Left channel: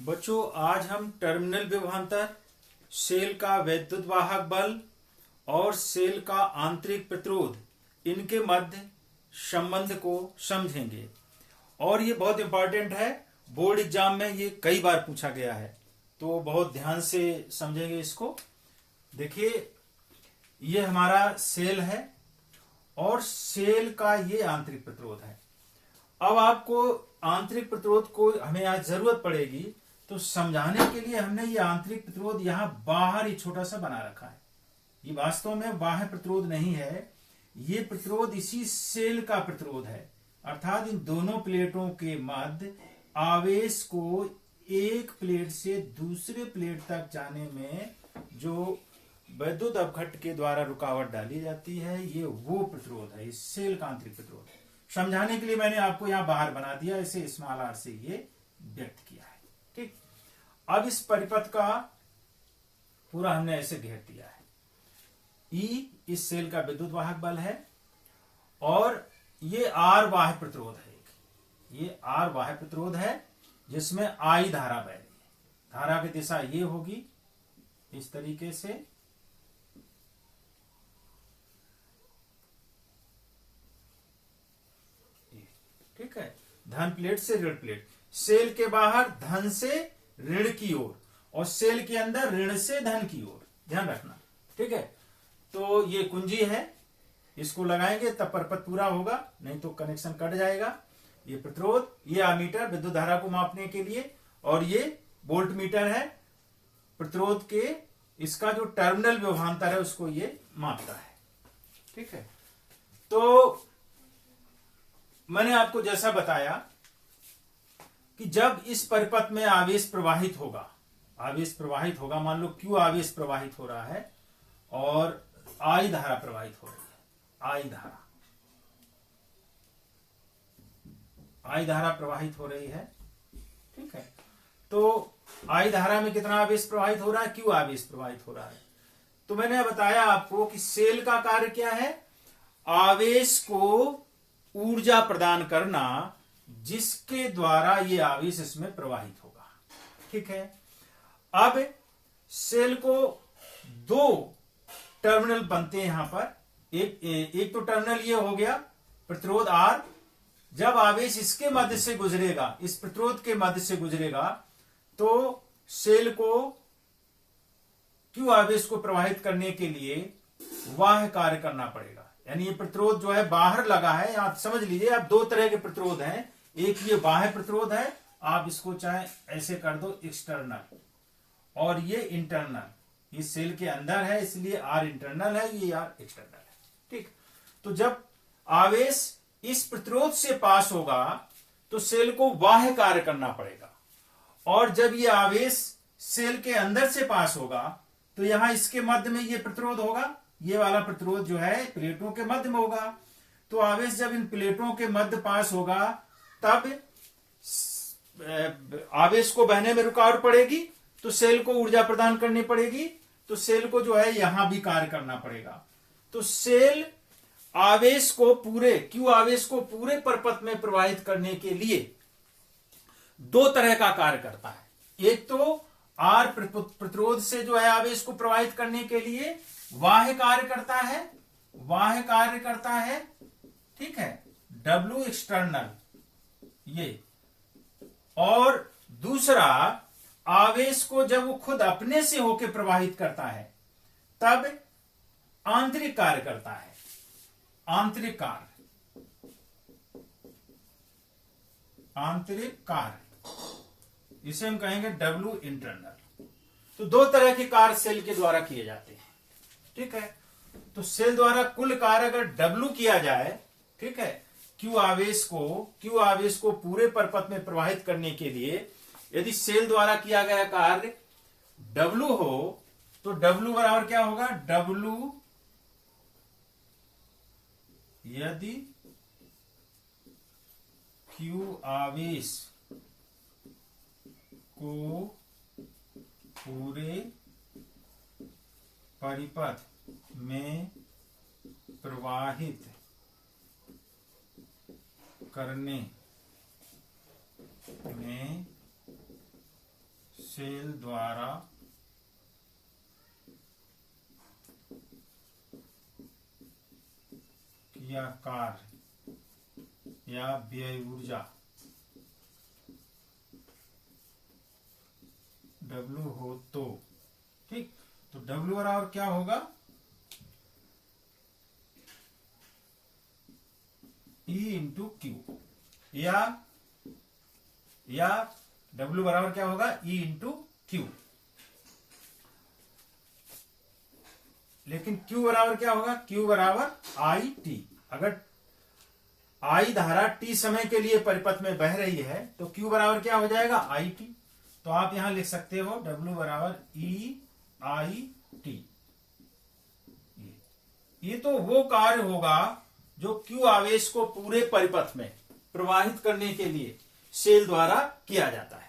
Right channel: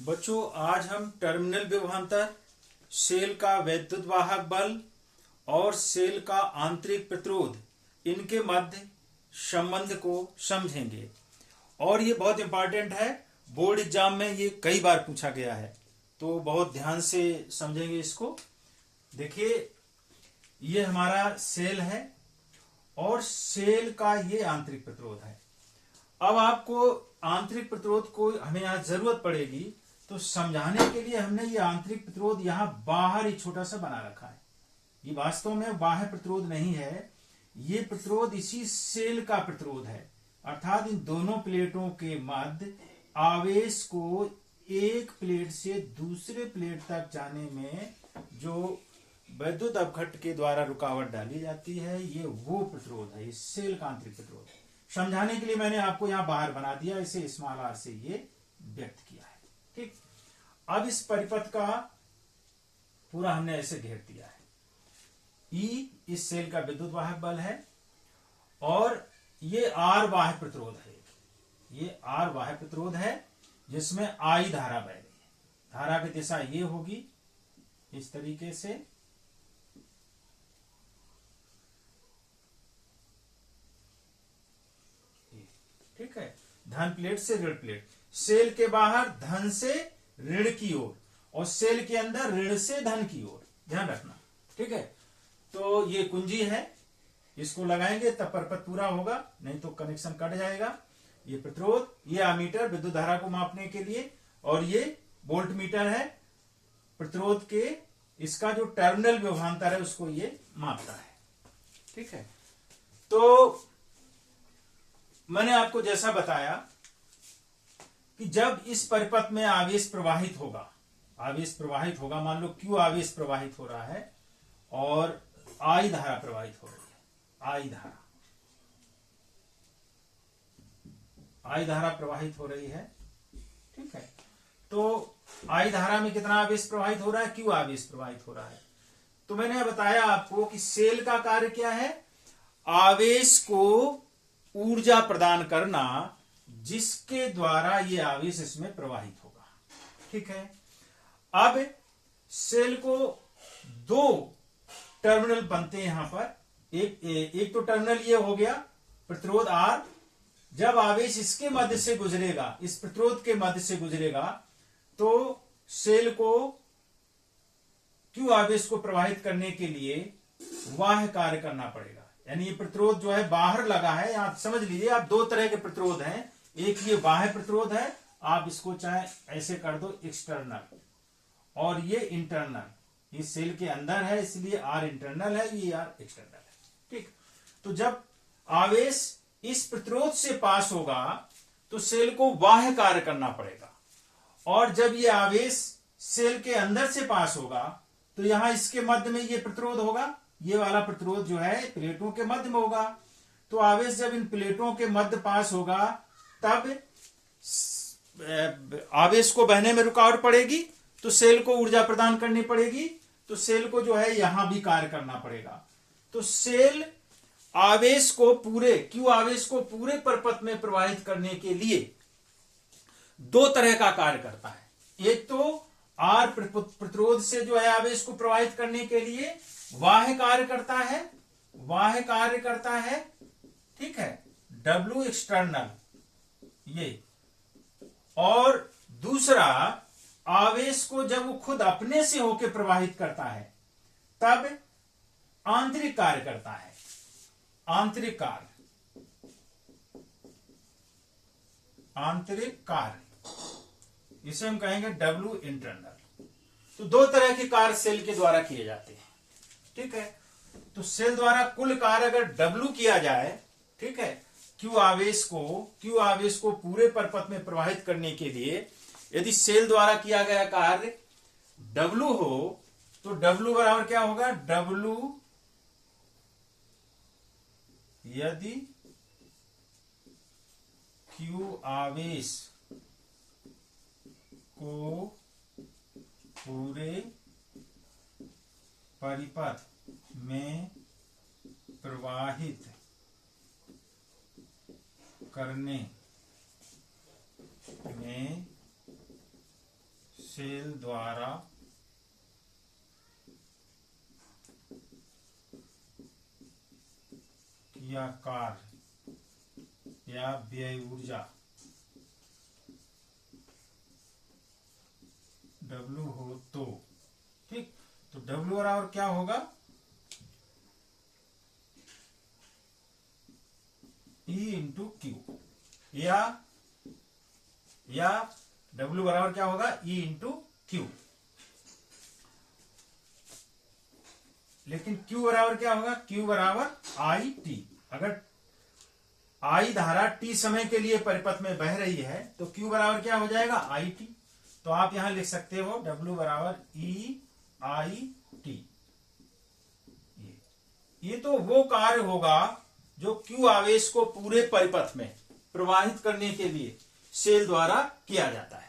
बच्चों, आज हम टर्मिनल विभवांतर, सेल का वैद्युत वाहक बल और सेल का आंतरिक प्रतिरोध, इनके मध्य संबंध को समझेंगे। और ये बहुत इंपॉर्टेंट है, बोर्ड एग्जाम में ये कई बार पूछा गया है, तो बहुत ध्यान से समझेंगे इसको। देखिए, ये हमारा सेल है और सेल का ये आंतरिक प्रतिरोध है। अब आपको आंतरिक प्रतिरोध को हमें आज जरूरत पड़ेगी, तो समझाने के लिए हमने ये आंतरिक प्रतिरोध यहां बाहर ही छोटा सा बना रखा है। ये वास्तव में बाह्य प्रतिरोध नहीं है, ये प्रतिरोध इसी सेल का प्रतिरोध है। अर्थात इन दोनों प्लेटों के मध्य आवेश को एक प्लेट से दूसरे प्लेट तक जाने में जो वैद्युत अपघट्ट के द्वारा रुकावट डाली जाती है, ये वो प्रतिरोध है, इस सेल का आंतरिक प्रतिरोध। समझाने के लिए मैंने आपको यहां बाहर बना दिया, इसे स्मॉल आर से ये व्यक्त किया है। ठीक, अब इस परिपथ का पूरा हमने ऐसे घेर दिया है। ई इस सेल का विद्युत वाहक बल है और ये आर बाह्य प्रतिरोध है। ये आर बाह्य प्रतिरोध है जिसमें आई धारा बह रही है। धारा की दिशा ये होगी इस तरीके से, ठीक है, धन प्लेट से ऋण प्लेट, सेल के बाहर धन से ऋण की ओर और सेल के अंदर ऋण से धन की ओर, ध्यान रखना। ठीक है, तो ये कुंजी है, इसको लगाएंगे तब परपथ पूरा होगा, नहीं तो कनेक्शन कट जाएगा। ये प्रतिरोध, ये आमीटर विद्युत धारा को मापने के लिए, और ये वोल्ट मीटर है प्रतिरोध के, इसका जो टर्मिनल विभवांतर है उसको ये मापता है। ठीक है, तो मैंने आपको जैसा बताया कि जब इस परिपथ में आवेश प्रवाहित होगा, मान लो क्यू आवेश प्रवाहित हो रहा है और आई धारा प्रवाहित हो रही है, आई धारा प्रवाहित हो रही है। ठीक है, तो आई धारा में कितना आवेश प्रवाहित हो रहा है, क्यू आवेश प्रवाहित हो रहा है। तो मैंने बताया आपको कि सेल का कार्य क्या है, आवेश को ऊर्जा प्रदान करना जिसके द्वारा ये आवेश इसमें प्रवाहित होगा। ठीक है, अब सेल को दो टर्मिनल बनते हैं यहां पर। एक तो टर्मिनल ये हो गया प्रतिरोध आर, जब आवेश इसके मध्य से गुजरेगा, इस प्रतिरोध के मध्य से गुजरेगा, तो सेल को क्यू आवेश को प्रवाहित करने के लिए वाह कार्य करना पड़ेगा। यानी ये प्रतिरोध जो है बाहर लगा है, आप समझ लीजिए, आप दो तरह के प्रतिरोध हैं। एक ये बाह्य प्रतिरोध है, आप इसको चाहे ऐसे कर दो एक्सटर्नल, और ये इंटरनल, ये सेल के अंदर है इसलिए आर इंटरनल है, ये आर एक्सटर्नल है। ठीक, तो जब आवेश इस प्रतिरोध से पास होगा तो सेल को बाह्य कार्य करना पड़ेगा, और जब ये आवेश सेल के अंदर से पास होगा तो यहां इसके मध्य में ये प्रतिरोध होगा, ये वाला प्रतिरोध जो है प्लेटों के मध्य में होगा। तो आवेश जब इन प्लेटों के मध्य पास होगा तब आवेश को बहने में रुकावट पड़ेगी, तो सेल को ऊर्जा प्रदान करनी पड़ेगी, तो सेल को जो है यहां भी कार्य करना पड़ेगा। तो सेल आवेश को पूरे क्यू आवेश को पूरे परपथ में प्रवाहित करने के लिए दो तरह का कार्य करता है। एक तो आर प्रतिरोध से जो है आवेश को प्रवाहित करने के लिए वाह्य कार्य करता है, ठीक है, डब्ल्यू एक्सटर्नल ये, और दूसरा आवेश को जब वो खुद अपने से होकर प्रवाहित करता है तब आंतरिक कार्य करता है, आंतरिक कार्य, इसे हम कहेंगे डब्ल्यू इंटरनल। तो दो तरह के कार्य सेल के द्वारा किए जाते हैं। ठीक है, तो सेल द्वारा कुल कार्य अगर डब्ल्यू किया जाए, ठीक है, क्यू आवेश को पूरे परपथ में प्रवाहित करने के लिए यदि सेल द्वारा किया गया कार्य डब्ल्यू हो, तो डब्ल्यू बराबर क्या होगा, डब्ल्यू यदि क्यू आवेश को पूरे परिपथ में प्रवाहित करने में सेल द्वारा किया कार्य या व्यय ऊर्जा W हो तो, ठीक, तो W बराबर क्या होगा, E इंटू क्यू, या W बराबर क्या होगा, E इंटू क्यू। लेकिन Q बराबर क्या होगा, Q बराबर आई टी। अगर I धारा T समय के लिए परिपथ में बह रही है तो Q बराबर क्या हो जाएगा, आई टी। तो आप यहां लिख सकते हो W बराबर E आई टी। ये तो वो कार्य होगा जो Q आवेश को पूरे परिपथ में प्रवाहित करने के लिए सेल द्वारा किया जाता है।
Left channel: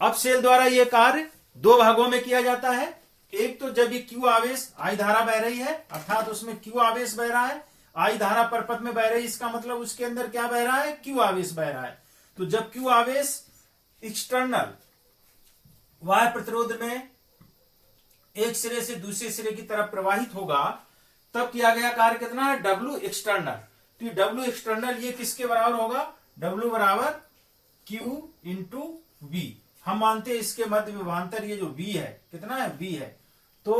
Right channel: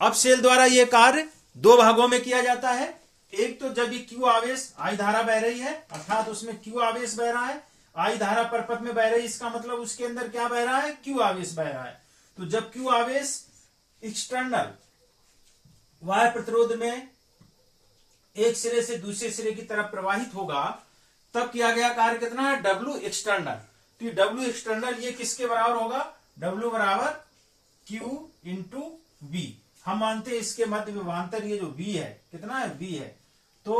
अब सेल द्वारा यह कार्य दो भागों में किया जाता है। एक तो जब ये Q आवेश I धारा बह रही है, अर्थात उसमें Q आवेश बह रहा है, I धारा परिपथ में बह रही है, इसका मतलब उसके अंदर क्या बह रहा है, Q आवेश बह रहा है। तो जब Q आवेश एक्सटर्नल बाह्य प्रतिरोध में एक सिरे से दूसरे सिरे की तरफ प्रवाहित होगा, तब किया गया कार्य कितना है, W एक्सटर्नल। तो ये W एक्सटर्नल ये किसके बराबर होगा, W बराबर Q इंटू V। हम मानते हैं इसके मध्य विभवांतर ये जो V है, कितना है, V है, तो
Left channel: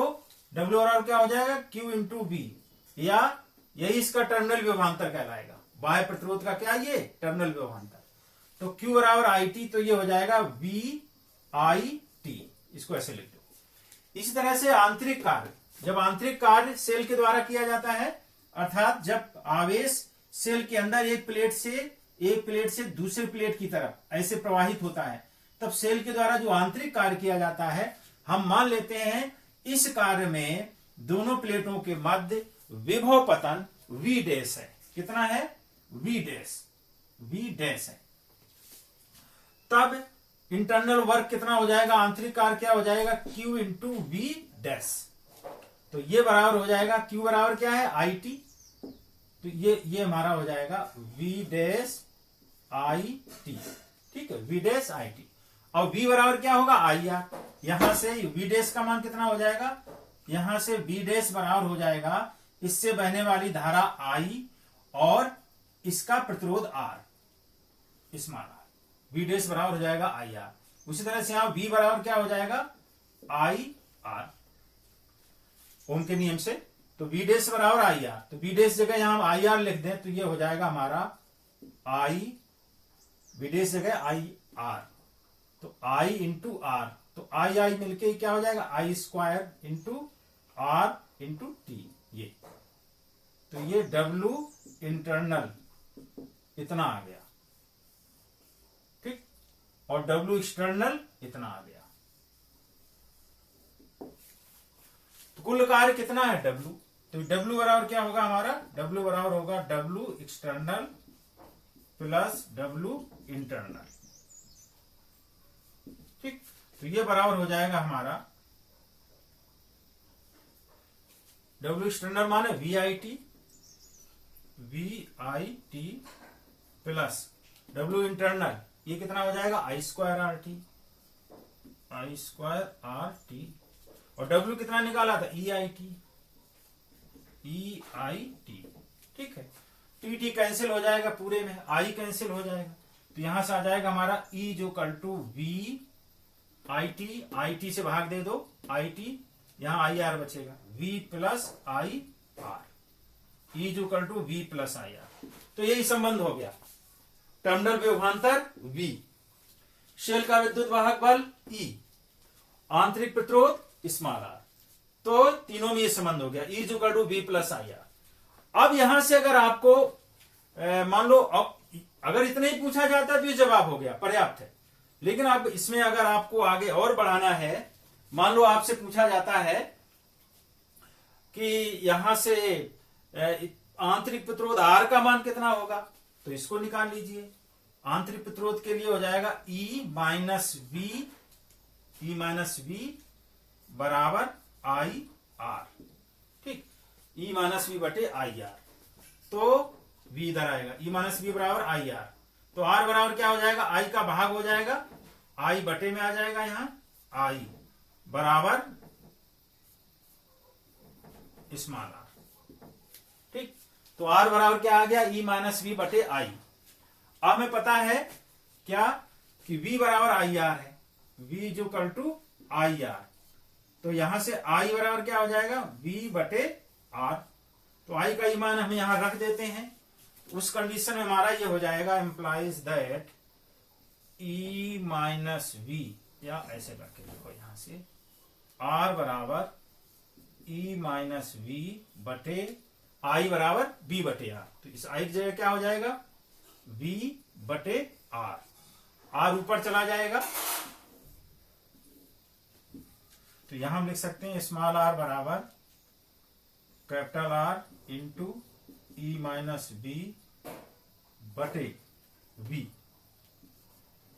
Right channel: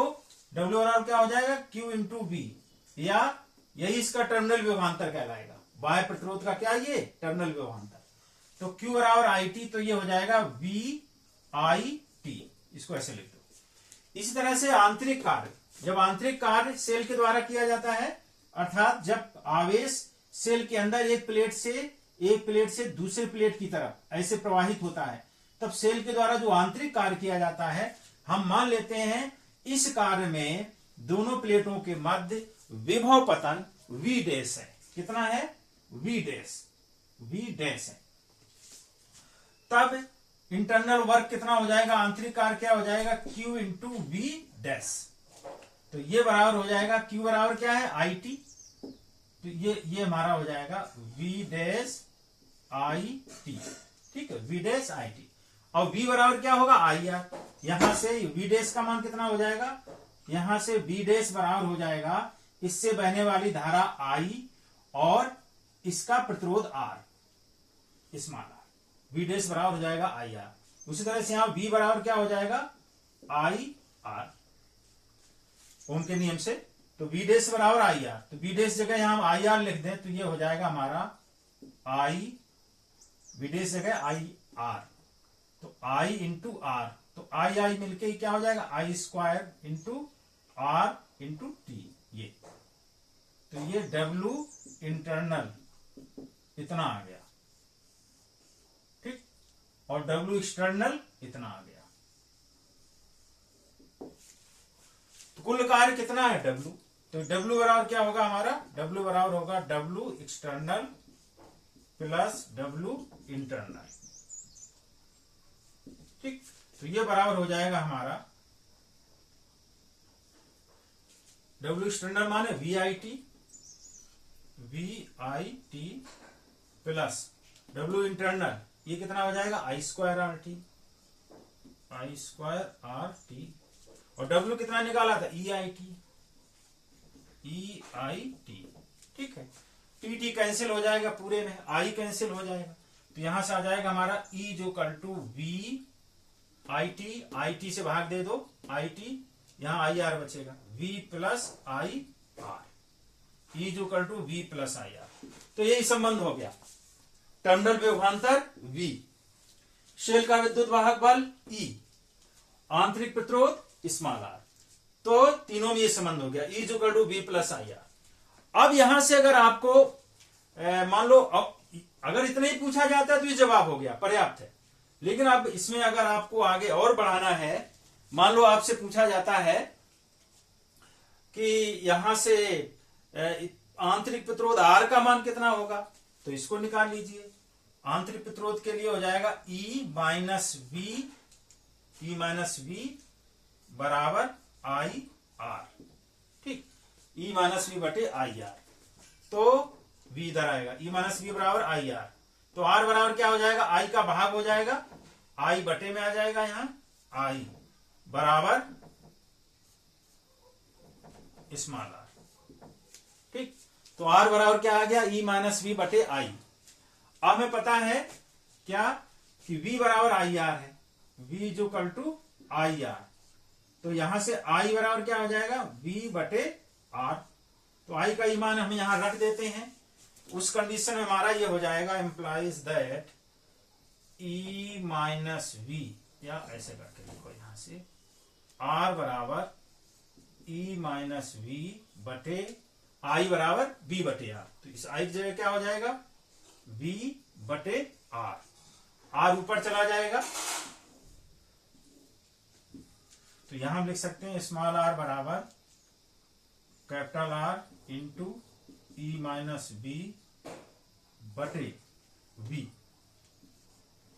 W बराबर क्या हो जाएगा, Q इंटू V, या यही इसका टर्मिनल विभवांतर कहलाएगा। बाह्य प्रतिरोध का क्या, ये टर्मिनल विभवांतर। तो Q बराबर आई टी, तो ये हो जाएगा V आई टी, इसको ऐसे लिख दो। इसी तरह से आंतरिक कार्य, जब आंतरिक कार्य सेल के द्वारा किया जाता है, अर्थात जब आवेश सेल के अंदर एक प्लेट से दूसरे प्लेट की तरफ ऐसे प्रवाहित होता है, तब सेल के द्वारा जो आंतरिक कार्य किया जाता है, हम मान लेते हैं इस कार्य में दोनों प्लेटों के मध्य विभव पतन V डैश है। कितना है, V डैश है। तब इंटरनल वर्क कितना हो जाएगा, आंतरिक कार्य क्या हो जाएगा, Q इंटू V डैश। तो ये बराबर हो जाएगा, Q बराबर क्या है, आई टी। तो ये हमारा हो जाएगा V डैश आई टी, ठीक है, V डैश आई टी। और V बराबर क्या होगा, आई आर। यहां से V डैश का मान कितना हो जाएगा, यहां से V डैश बराबर हो जाएगा इससे बहने वाली धारा I और इसका प्रतिरोध R, small r। V dash बराबर हो जाएगा आई आर। उसी तरह से यहां V बराबर क्या हो जाएगा, आई आर, ओम के नियम से। तो V डैश बराबर आई आर, तो V डैश जगह यहां हम आई आर लिख दें तो ये हो जाएगा हमारा आई, V डैश जगह आई आर, तो I इंटू आर, तो आई मिलके क्या हो जाएगा, I square into R into T. ये तो ये W इंटरनल इतना आ गया, ठीक, और W एक्सटर्नल इतना आ गया। तो कुल कार्य कितना है, W। तो W बराबर क्या होगा हमारा, W बराबर होगा W external plus W internal, ठीक। तो ये बराबर हो जाएगा हमारा W एक्सटर्नल माने V I T plus W internal, ये कितना हो जाएगा, आई स्क्वायर आर टी, और W कितना निकाला था, ई आई टी, ठीक है। टी कैंसिल हो जाएगा पूरे में, आई कैंसिल हो जाएगा, तो यहां से आ जाएगा हमारा E equal to V I T से भाग दे दो, आई टी, यहां आई आर बचेगा, V plus I R, E equal to V plus I R. तो यही संबंध हो गया, टर्मिनल विभवांतर V, शेल का विद्युत वाहक बल E, आंतरिक प्रतिरोध स्मॉल r। तो तीनों में ये संबंध हो गया, E equal to V plus I R. अब यहां से अगर आपको मान लो अगर इतना ही पूछा जाता है तो ये जवाब हो गया, पर्याप्त है। लेकिन अब इसमें अगर आपको आगे और बढ़ाना है, मान लो आपसे पूछा जाता है कि यहां से आंतरिक प्रतिरोध R का मान कितना होगा, तो इसको निकाल लीजिए। आंतरिक प्रतिरोध के लिए हो जाएगा E माइनस वी बराबर आई आर, ठीक, E माइनस वी बटे आई आर। तो V इधर आएगा, E माइनस वी बराबर आई आर, तो R बराबर क्या हो जाएगा, I का भाग हो जाएगा, I बटे में आ जाएगा यहाँ, आई बराबर स्मॉल आर। ठीक, तो आर बराबर क्या आ गया, ई माइनस वी बटे आई। अब हमें पता है क्या कि v बराबर आई आर है, v is equal to I R. तो यहां से i बराबर क्या हो जाएगा, v बटे r। तो i का मान हम यहां रख देते हैं। उस कंडीशन में हमारा ये हो जाएगा implies that e minus V, या ऐसे करके देखो यहां से r बराबर e माइनस वी बटे i बराबर b बटे r। तो इस i की जगह क्या हो जाएगा, v बटे r। r ऊपर चला जाएगा, तो यहां हम लिख सकते हैं स्मॉल r बराबर capital R into E minus B बटे v।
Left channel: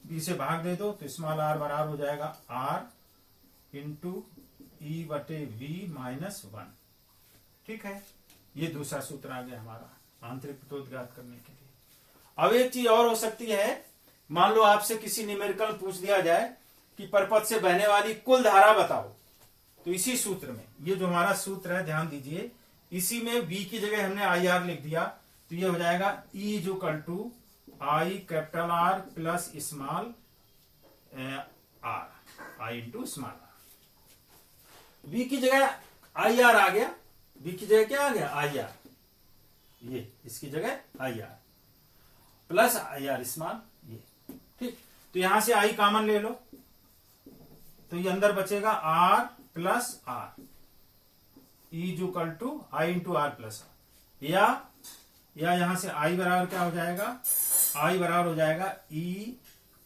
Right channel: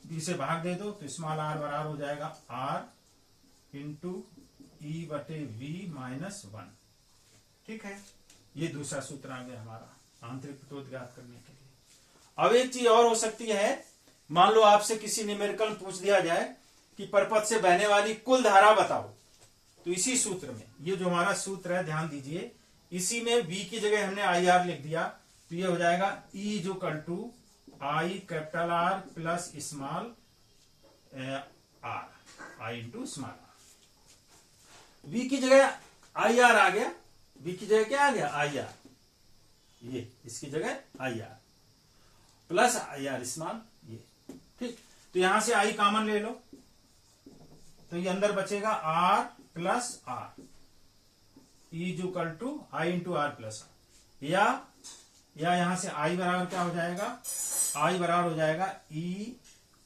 बी से भाग दे दो तो स्मॉल r बराबर हो जाएगा r इंटू ई बटे v माइनस 1। ठीक है, ये दूसरा सूत्र आ गया हमारा आंतरिक प्रतिरोध ज्ञात करने के लिए। अब एक चीज और हो सकती है, मान लो आपसे किसी न्यूमेरिकल पूछ दिया जाए कि परपथ से बहने वाली कुल धारा बताओ, तो इसी सूत्र में, ये जो हमारा सूत्र है ध्यान दीजिए, इसी में v की जगह हमने आई आर लिख दिया, तो ये हो जाएगा E is equal to I capital R plus small r, I into small r। v की जगह आई आर आ गया, v की जगह क्या आ गया, आई आर, ये इसकी जगह I are plus I are small, ये। ठीक, तो यहां से आई कॉमन ले लो, तो ये अंदर बचेगा r plus r, E is equal to I into R plus R, या यहां से आई बराबर क्या हो जाएगा, आई बराबर हो जाएगा E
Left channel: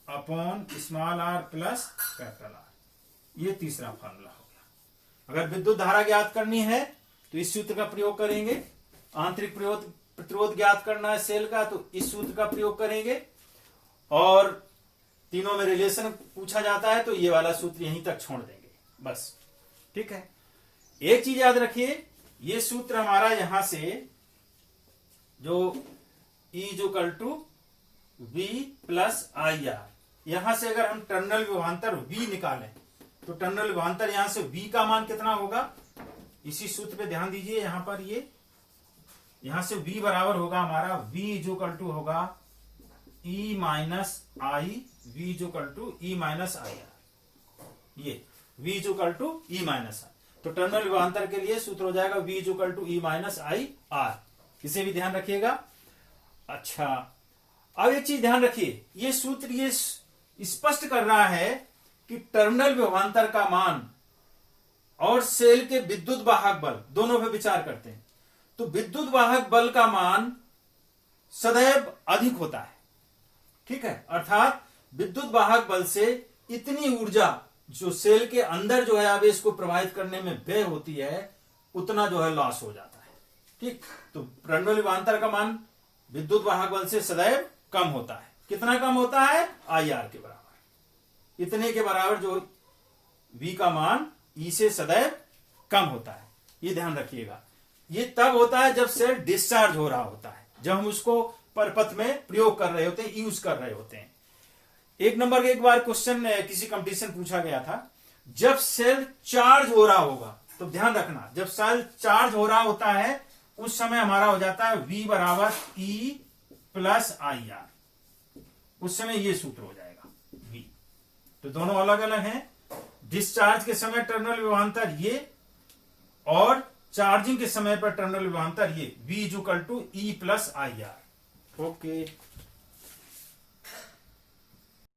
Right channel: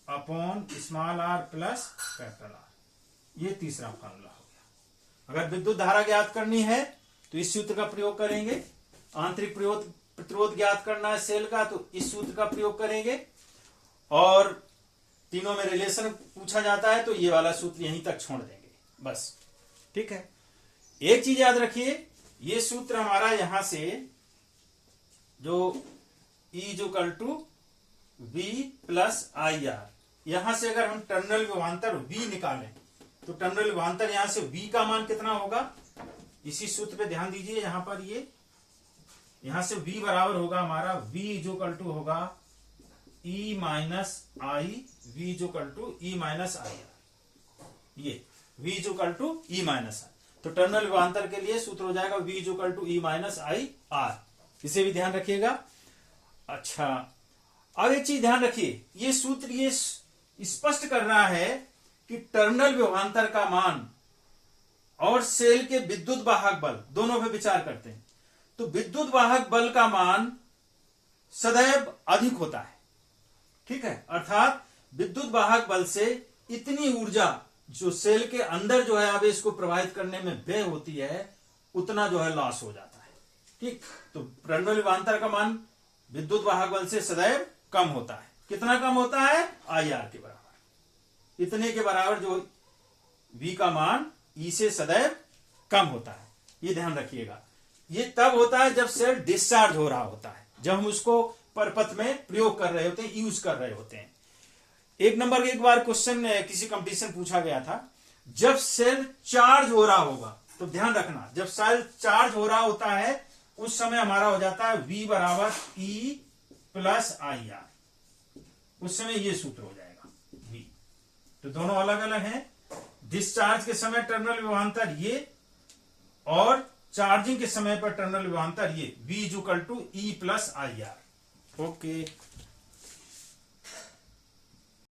upon small R plus capital R. ये तीसरा फॉर्मूला हो गया। अगर विद्युत धारा ज्ञात करनी है तो इस सूत्र का प्रयोग करेंगे। आंतरिक प्रतिरोध ज्ञात करना है सेल का, तो इस सूत्र का प्रयोग करेंगे। और तीनों में रिलेशन पूछा जाता है तो ये वाला सूत्र यहीं तक छोड़ देंगे बस। ठीक है, एक चीज याद रखिए, ये सूत्र हमारा यहां से जो E equal to V plus I R, यहां से अगर हम टर्मिनल विभवांतर V निकालें तो टर्मिनल विभवांतर यहां से V का मान कितना होगा, इसी सूत्र पे ध्यान दीजिए। यहां पर ये यहां से V बराबर होगा हमारा, V जो कल टू होगा E minus I, V equal to E minus I R, ये V equal to E minus आई। तो टर्मिनल विभवांतर के लिए सूत्र हो जाएगा V equal to E minus I R. इसे भी ध्यान रखिएगा। अच्छा, अब एक चीज ध्यान रखिए, ये सूत्र ये स्पष्ट कर रहा है कि टर्मिनल विभवांतर का मान और सेल के विद्युत वाहक बल दोनों पे विचार करते हैं, तो विद्युत वाहक बल का मान सदैव अधिक होता है। ठीक है, अर्थात विद्युत वाहक बल से इतनी ऊर्जा जो सेल के अंदर जो है आवेश को प्रवाहित करने में व्यय होती है, उतना जो है लॉस हो जाता है। ठीक, तो टर्मिनल विभवांतर का मान विद्युत वाहक बल से सदैव कम होता है। कितना कम होता है, आई आर के बराबर, इतने के बराबर जो V का मान E से सदैव कम होता है। ये ध्यान रखिएगा। ये तब होता है जब सेल डिस्चार्ज हो रहा होता है, जब हम उसको परपथ में प्रयोग कर रहे होते हैं, यूज कर रहे होते हैं। एक नंबर एक बार क्वेश्चन किसी कंपटीशन पूछा गया था, जब सेल चार्ज हो रहा होगा, तो ध्यान रखना, जब सेल चार्ज हो रहा होता है उस समय हमारा हो जाता है V बराबर E प्लस आई आर। उस समय ये सूत्र हो जाएगा V। तो दोनों अलग अलग हैं। डिस्चार्ज के समय टर्मिनल विभवांतर ये, और चार्जिंग के समय पर टर्मिनल विभवांतर ये, V is equal to E plus I R. Okay.